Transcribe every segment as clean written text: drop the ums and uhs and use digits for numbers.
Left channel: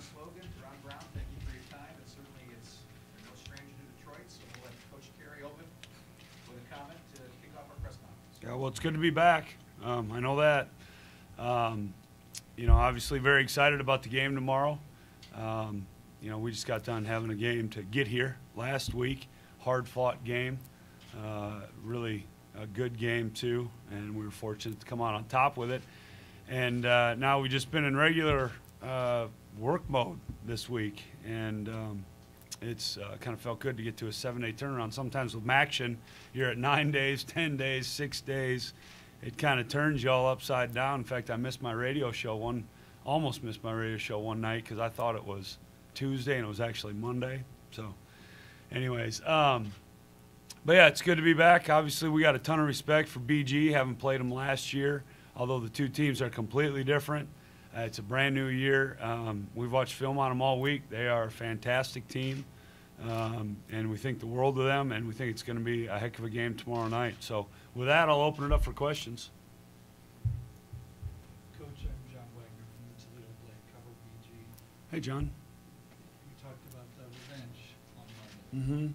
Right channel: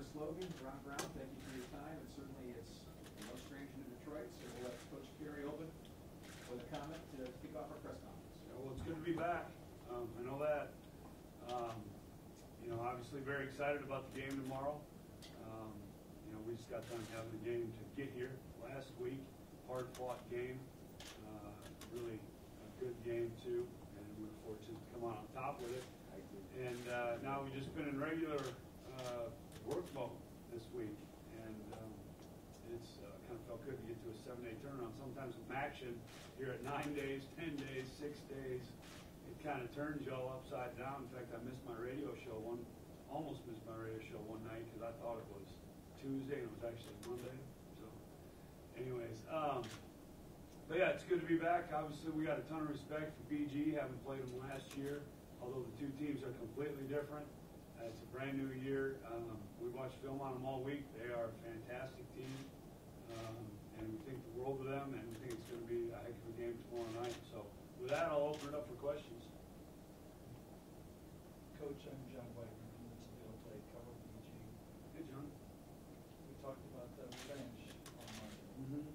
Slogan, Ron Brown, thank you for your time, and certainly it's no stranger to Detroit, so we'll let Coach Carey open with a comment to kick off our press conference. Yeah, well, it's good to be back. I know that. You know, obviously very excited about the game tomorrow. You know, we just got done having a game to get here last week. Hard-fought game. Really a good game, too, and we were fortunate to come out on top with it. And now we've just been in regular work mode this week, and it's kind of felt good to get to a 7-day turnaround. Sometimes with MACtion, you're at 9 days, 10 days, 6 days. It kind of turns you all upside down. In fact, I missed my radio show almost missed my radio show one night because I thought it was Tuesday and it was actually Monday. So anyways, but yeah, it's good to be back. Obviously, we got a ton of respect for BG, having played them last year, although the two teams are completely different. It's a brand new year. We've watched film on them all week. They are a fantastic team, and we think the world of them, and we think it's going to be a heck of a game tomorrow night. So with that, I'll open it up for questions. Coach, I'm John Wagner from the Toledo Blade, cover BG. Hey, John. We talked about the revenge on Monday. Mm-hmm.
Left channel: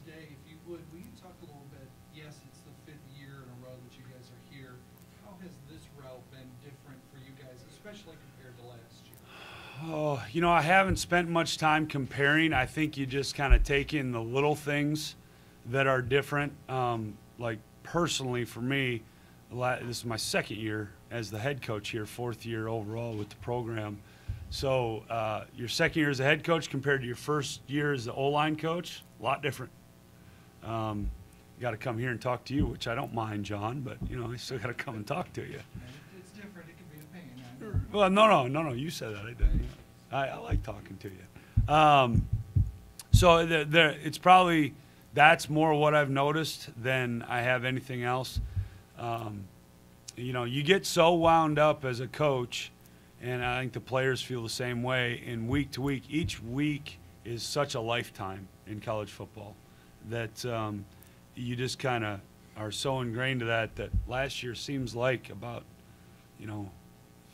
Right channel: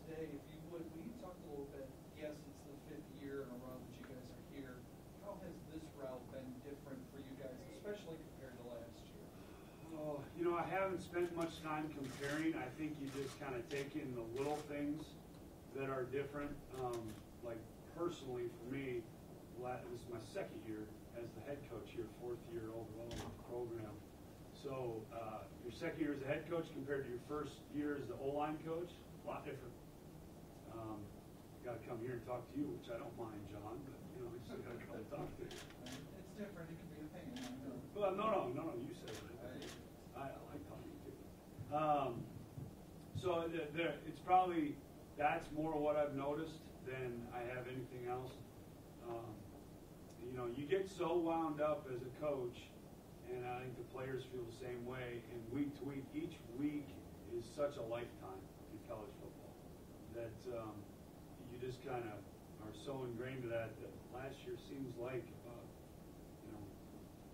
Today, if you would you talk a little bit, yes, it's the 5th year in a row that you guys are here. How has this route been different for you guys, especially compared to last year? Oh, you know, I haven't spent much time comparing. I think you just kind of take in the little things that are different. Like personally for me, this is my 2nd year as the head coach here, 4th year overall with the program. So your 2nd year as a head coach compared to your 1st year as the O-line coach, a lot different. Got to come here and talk to you, which I don't mind, John, but, you know, I still got to come and talk to you. It's different. It can be a pain. Well, no, you said that. I didn't. I like talking to you. So it's probably – that's more what I've noticed than I have anything else. You know, you get so wound up as a coach, and I think the players feel the same way, in week to week. Each week is such a lifetime in college football that you just kind of are so ingrained to that last year seems like about, you know,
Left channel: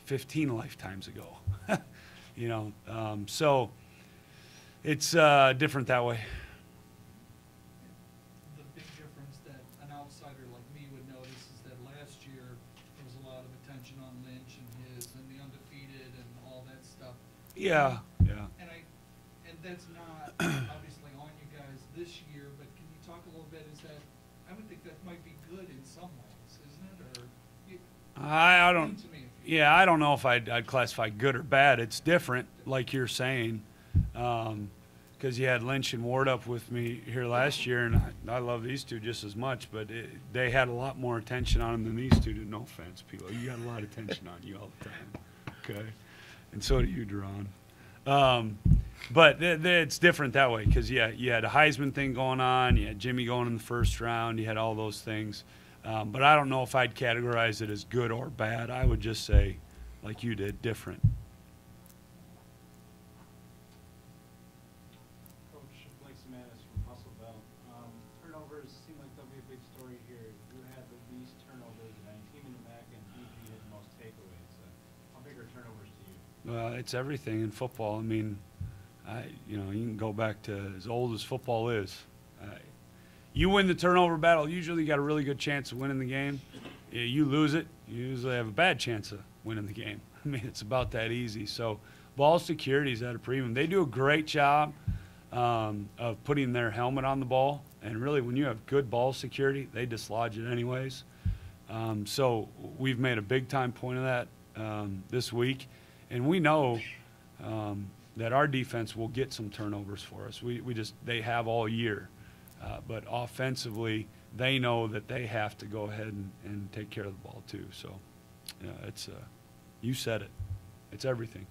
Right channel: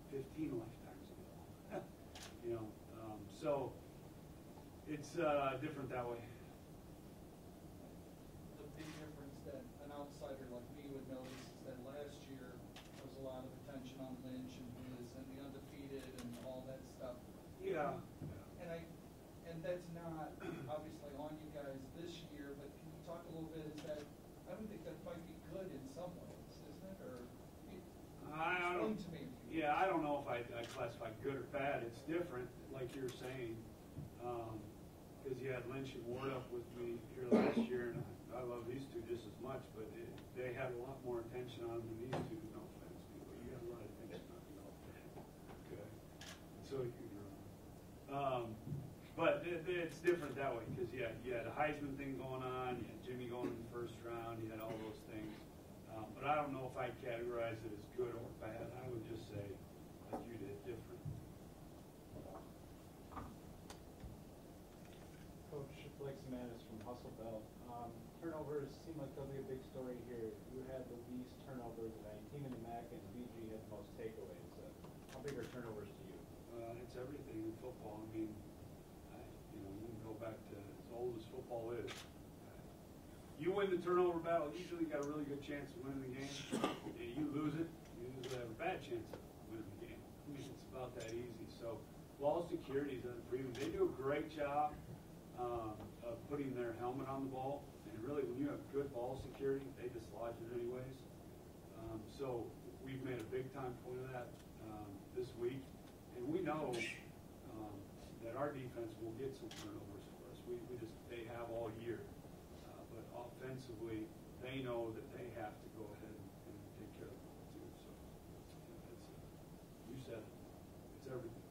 15 lifetimes ago. You know, so it's different that way. The big difference that an outsider like me would notice is that last year there was a lot of attention on Lynch and the undefeated and all that stuff. Yeah. And that's not obviously on you guys this year, but can you talk a little bit? Is that, I would think that might be good in some ways, isn't it? Or I don't. Yeah, I don't know if I'd classify good or bad. It's different, like you're saying, because you had Lynch and Ward up with me here last year, and I love these two just as much, but they had a lot more attention on them than these two did. No offense, people. You got a lot of attention on you all the time, okay? And so do you, Duran. But it's different that way because, yeah, you had a Heisman thing going on. You had Jimmy going in the 1st round. You had all those things. But I don't know if I'd categorize it as good or bad. I would just say, like you did, different. Coach Blake Semanis from Hustle Bell. Turnovers seem like they'll be a big story here. Who had the least turnovers of any team in the MAC, and BG had the most takeaways? How big are turnovers to you? It's everything in football. I mean, you know, you can go back to as old as football is. You win the turnover battle, usually you got a really good chance of winning the game. You lose it, you usually have a bad chance of winning the game. I mean, it's about that easy. So ball security is at a premium. They do a great job of putting their helmet on the ball, and really when you have good ball security, they dislodge it anyways. So we've made a big-time point of that this week, and we know that our defense will get some turnovers for us. They have all year. But offensively, they know that they have to go ahead and take care of the ball too. So, yeah, it's you said it. It's everything.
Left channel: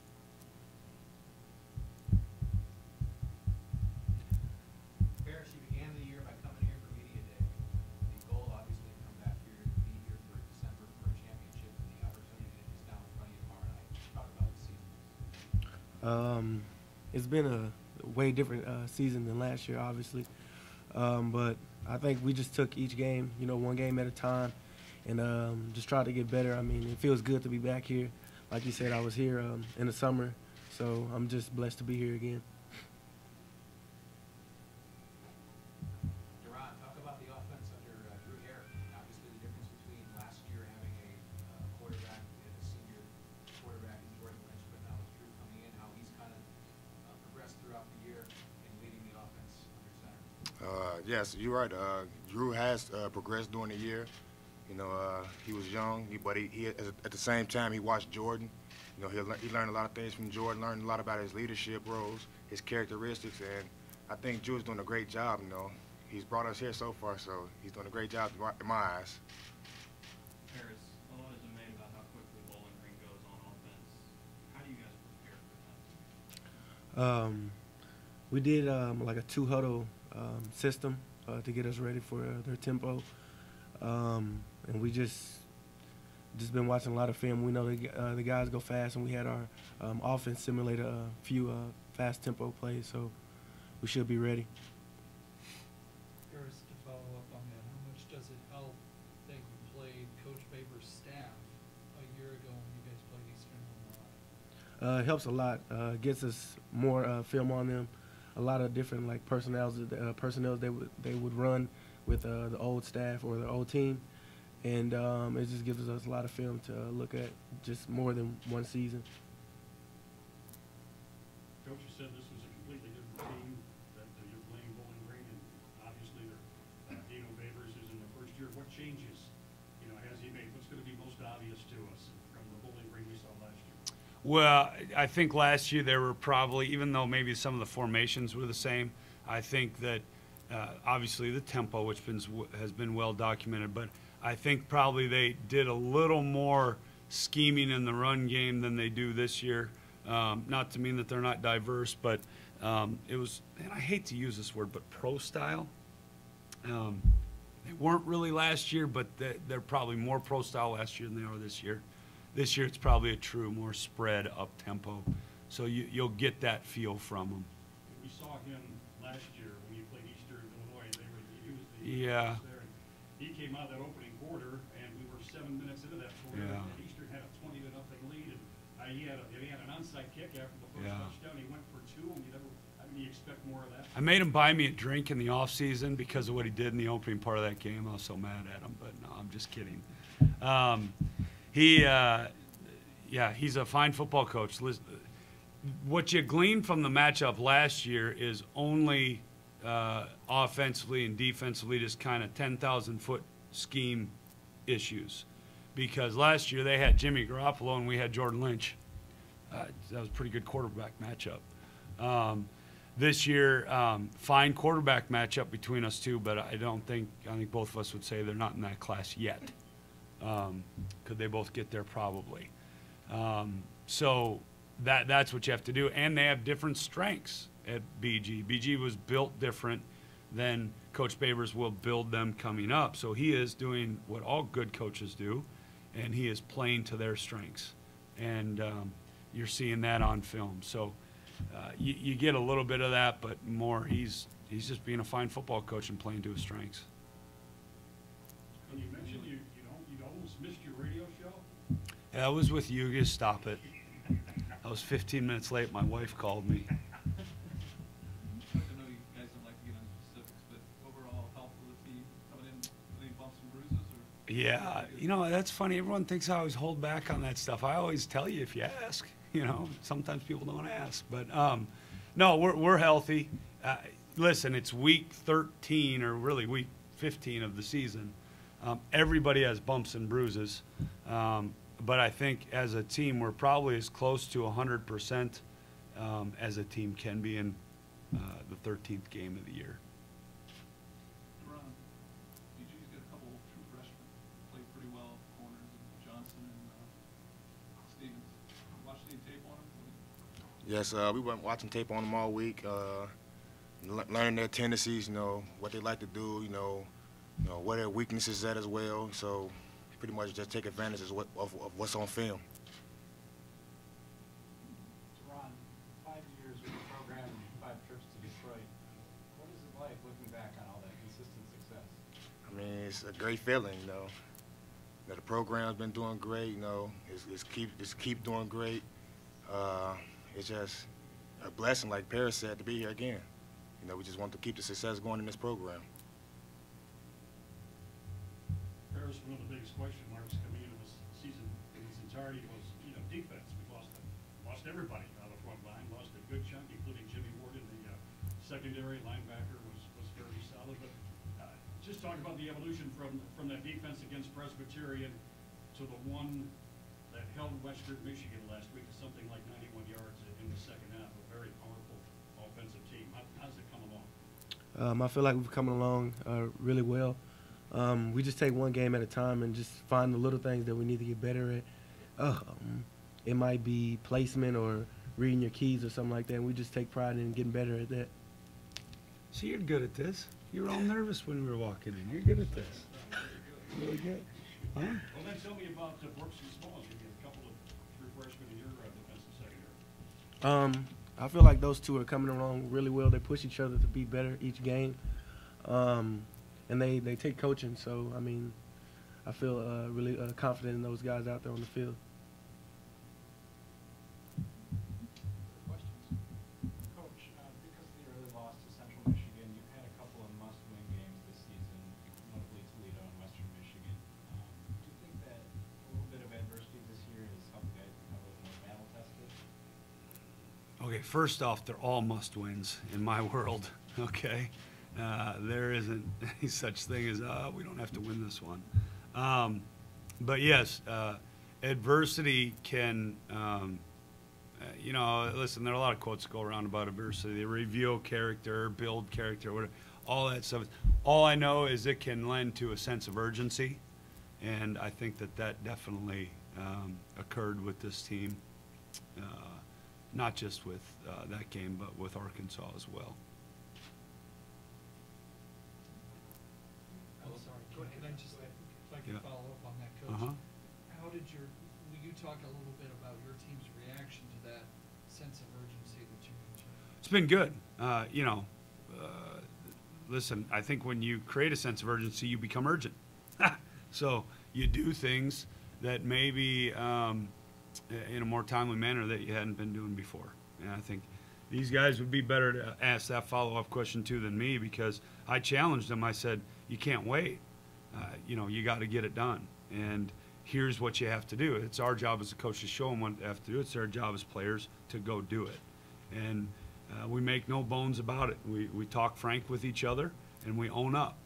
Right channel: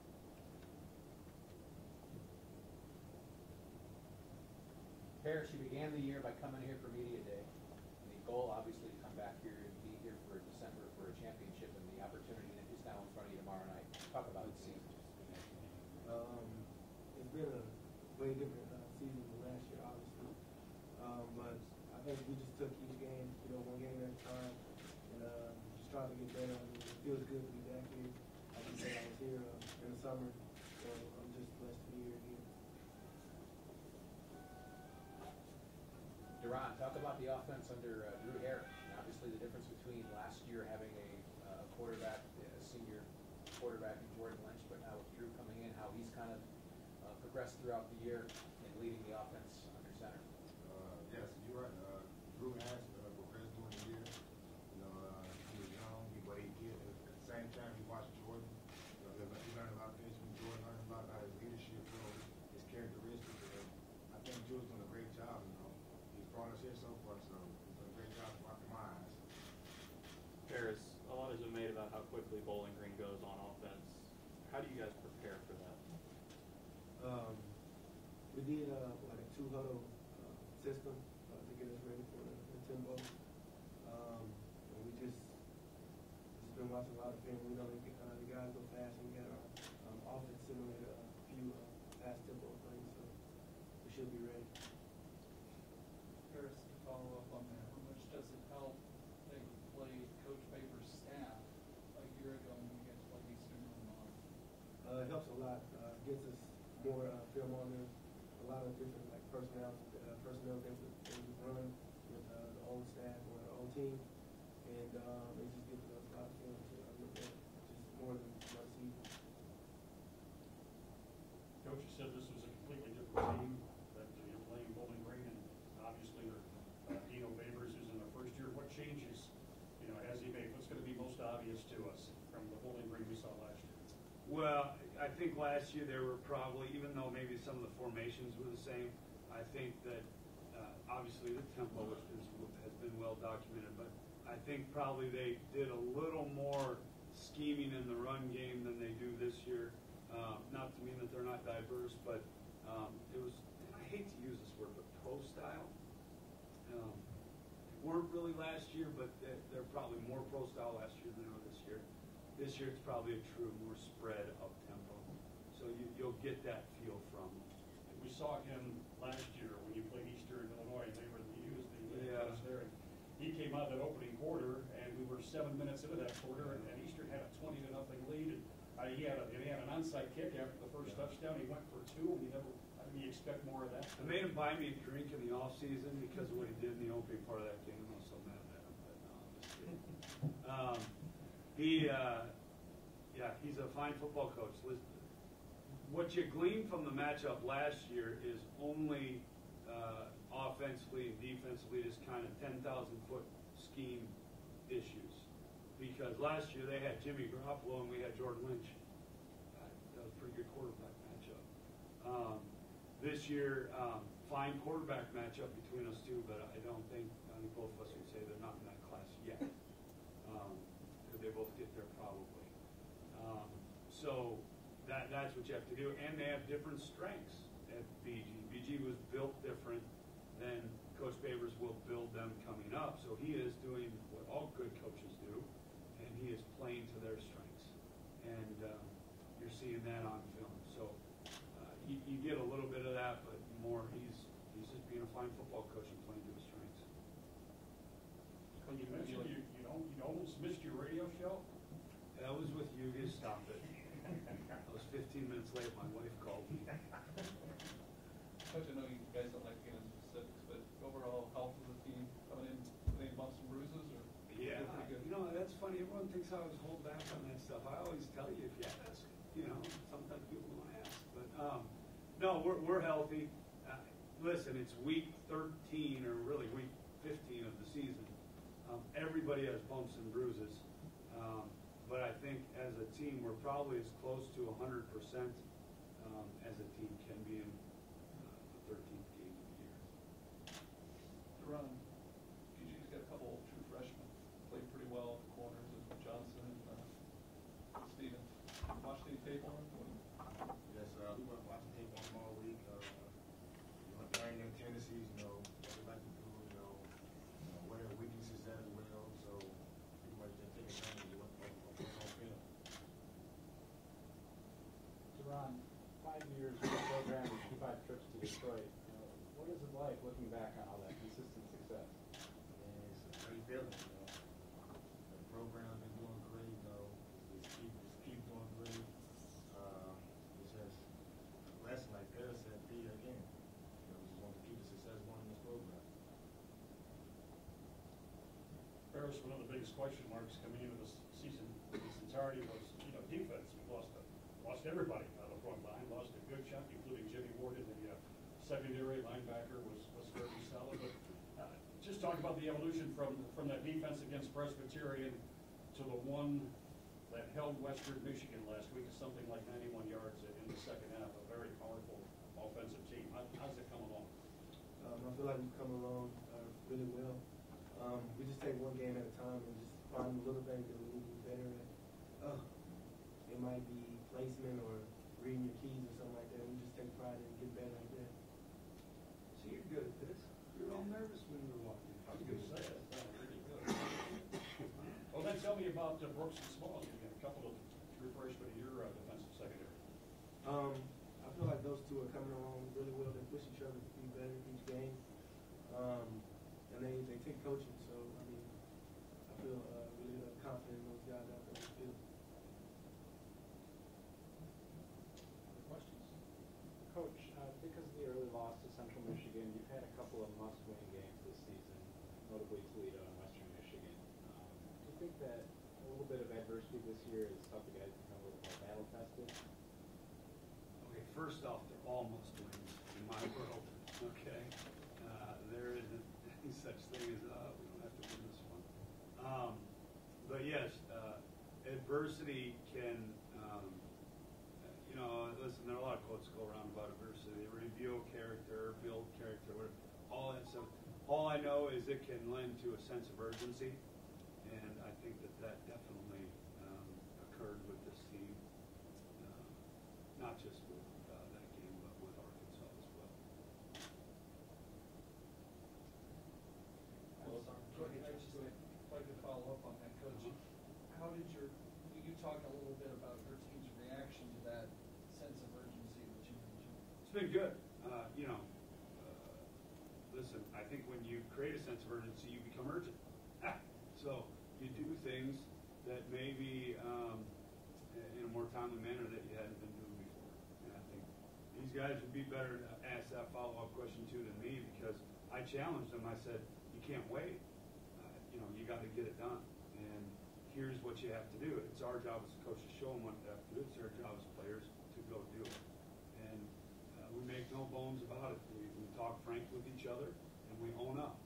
Harris, you began the year by coming here for Media Day. The goal, obviously, to come back here and be here for December for a championship, and the opportunity that is now in front of you tomorrow night. Talk about the season. It's been a way different season than last year, obviously. But I think we just took each game, you know, one game at a time, and just tried to get better. I mean, it feels good to be back here. Like you said, I was here in the summer, So I'm just blessed to be here again. Duran, talk about the offense under Drew Hare. Obviously, the difference between last year having a quarterback, a senior quarterback in Jordan Lynch, but now with Drew coming in, how he's kind of progressed throughout the year in leading the offense under center. Yes, you're right. Drew has progressed during the year. You know, he was young, but he at the same time he watched Jordan. You know, he learned a lot of things from Jordan, learned a lot about his leadership roles, his characteristics, and I think Drew's doing a great job. You know, he's brought us here so far, so he's doing a great job in my eyes. Ferris, a lot has been made about how quickly Bowling Green goes on offense. How do you guys prepare for that? We did like a 2-huddle system to get us ready for their tempo, and we just been watching a lot of film. We know the guys go fast, and we had our offense simulate a few fast tempo plays, so we should be ready. Harris, to follow up on that, how much does it help that you played Coach Baber's staff a year ago when you guys played Eastern Illinois? It helps a lot. Gets us more film on them. A lot of different like personnel they would run with the old staff or the old team, and it just gives us a lot of film to look at, just more than one season. Coach, you said this was a completely different team that you're playing Bowling Green, and obviously Dino Babers is in the first year. What changes, has he made? What's going to be most obvious to us from the Bowling Green we saw last year? Well, I think last year there were probably, even though maybe some of the formations were the same, I think that obviously the tempo, which has been well documented, but I think probably they did a little more scheming in the run game than they do this year. Not to mean that they're not diverse, but it was, and I hate to use this word, but pro style. They weren't really last year, but they're probably more pro style last year than they are this year. This year it's probably a true more spread up tempo, so you'll get that feel from them. We saw him last year when you played Eastern Illinois, and he was Yeah. there. And he came out that opening quarter, and we were 7 minutes into that quarter, Yeah. and Eastern had a 20-0 lead, and he had an onside kick after the first Yeah. touchdown. He went for 2, and you expect more of that. I made him buy me a drink in the off season because of what he did in the opening part of that game. I was so mad at him, but no, I'm just kidding. He's a fine football coach. What you glean from the matchup last year is only offensively and defensively just kind of 10,000-foot scheme issues. Because last year they had Jimmy Garoppolo and we had Jordan Lynch. That was a pretty good quarterback matchup. This year, fine quarterback matchup between us two, but I think both of us would say they're not in that class yet. Could they both get there? Probably. So that's what you have to do. And they have different strengths at BG. BG was built different than Coach Babers will build them coming up. So he is doing what all good coaches do, and he is playing to their strengths. And you're seeing that on film. So you get a little bit of that, but more he's just being a fine football coach and playing to his strengths. When you mentioned you almost missed your radio show. Yeah, I was with you. Just stop it. I was 15 minutes late. My wife called me. I know you guys don't like to get into specifics, but overall health of the team coming in with any bumps and bruises? Yeah, that's funny. Everyone thinks I always hold back on that stuff. I always tell you if you ask. Sometimes people don't ask. But, no, we're healthy. Listen, it's week 13 or really week 15 of the season. Everybody has bumps and bruises. But I think as a team, we're probably as close to 100% as a team can be in the 13th game of the year. BG's got a couple true freshmen, played pretty well, corners, and Johnson and Stevens. Watched any tape on it? Yes, we were watching tape on them all week, learning their tendencies, what they like to do, where their weaknesses at as well. So pretty much just take advantage of what's on film. Duran, 5 years with the program and 25 trips to Detroit. What is it like looking back on all that consistent success? I mean, it's a great feeling, The program's been doing great, it's keep doing great. it's just a blessing, like Paris said, to be here again. You know, we just want to keep the success going in this program. Paris, one of the biggest question marks coming into this season in its entirety was, defense. We lost everybody on the front line, lost a good chunk, including Jimmy Ward in the secondary. Linebacker was fairly solid. But just talk about the evolution from that defense against Presbyterian to the one that held Western Michigan last week to something like 91 yards in the second half. A very powerful offensive team. How's it come along? I feel like we're coming along really well. We just take one game at a time and just find the little things that we need to get better at. It might be placement or reading your keys or something like that. And we just take pride in getting better at that. So you're good at this. You were all nervous when we were walking in. You're good at this. Really good. Huh? Well, then tell me about Brooks and Smalls. You get a couple of true freshmen in your defensive secondary. I feel like those two are coming along really well. They push each other to be better each game. And they take coaching. So, I mean, I feel really confident in those guys out there on the field. Coach, because of the early loss to Central Michigan, you've had a couple of must-win games this season, notably Toledo and Western Michigan. Do you think that a little bit of adversity this year has helped the guys become a little more battle-tested? Okay, first off, they're all must-wins in my world, okay? There isn't any such thing as, we don't have to win this one. But yes, adversity can, listen, there are a lot of quotes that go around about adversity. They reveal character, build character, whatever, all that stuff. All I know is it can lend to a sense of urgency, and I think that definitely occurred with this team, not just with that game, but with Arkansas as well. I'm sorry, can I just, if I can Yeah. follow up on that, Coach? Uh-huh. How did will you talk a little bit about your team's reaction to that sense of urgency that you mentioned? It's been good. Listen, I think when you create a sense of urgency, you become urgent. So you do things that maybe in a more timely manner that you hadn't been doing before. And I think these guys would be better to ask that follow-up question too than me, because I challenged them. I said, you can't wait. You got to get it done. And here's what you have to do. It's our job as a coach to show them what they have to do. It's their job as players to go do it. And we make no bones about it. We talk frank with each other, and we own up.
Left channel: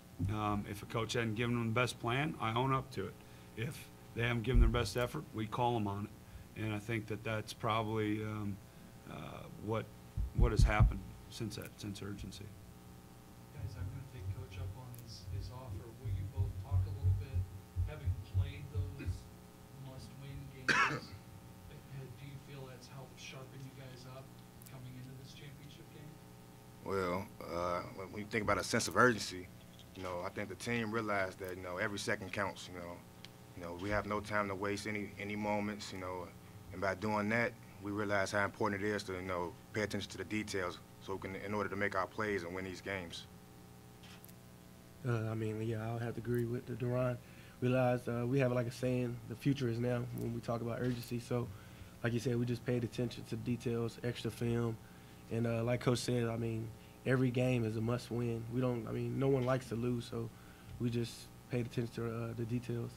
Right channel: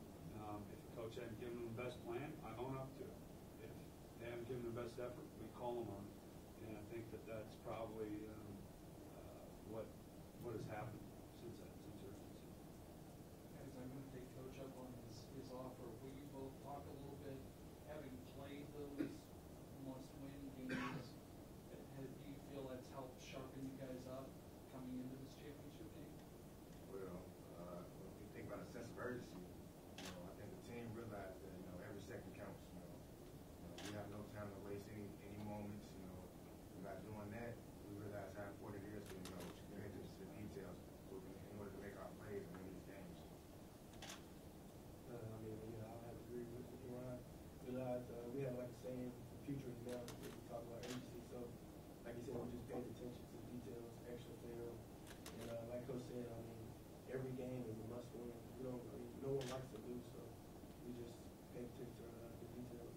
If a coach hadn't given them the best plan, I own up to it. If they haven't given their best effort, we call them on it. And I think that's probably what has happened since urgency. Guys, I'm going to take Coach up on his offer. Will you both talk a little bit, having played those must-win games, do you feel that's helped sharpen you guys up coming into this championship game? Well, when you think about a sense of urgency, I think the team realized that, every second counts, we have no time to waste any moments, and by doing that, we realize how important it is to, pay attention to the details so we can, in order to make our plays and win these games. I'll have to agree with Duran. Realize we have like a saying, the future is now when we talk about urgency. So, like you said, we just paid attention to details, extra film. And like Coach said, every game is a must win. No one likes to lose, so we just paid attention to the details.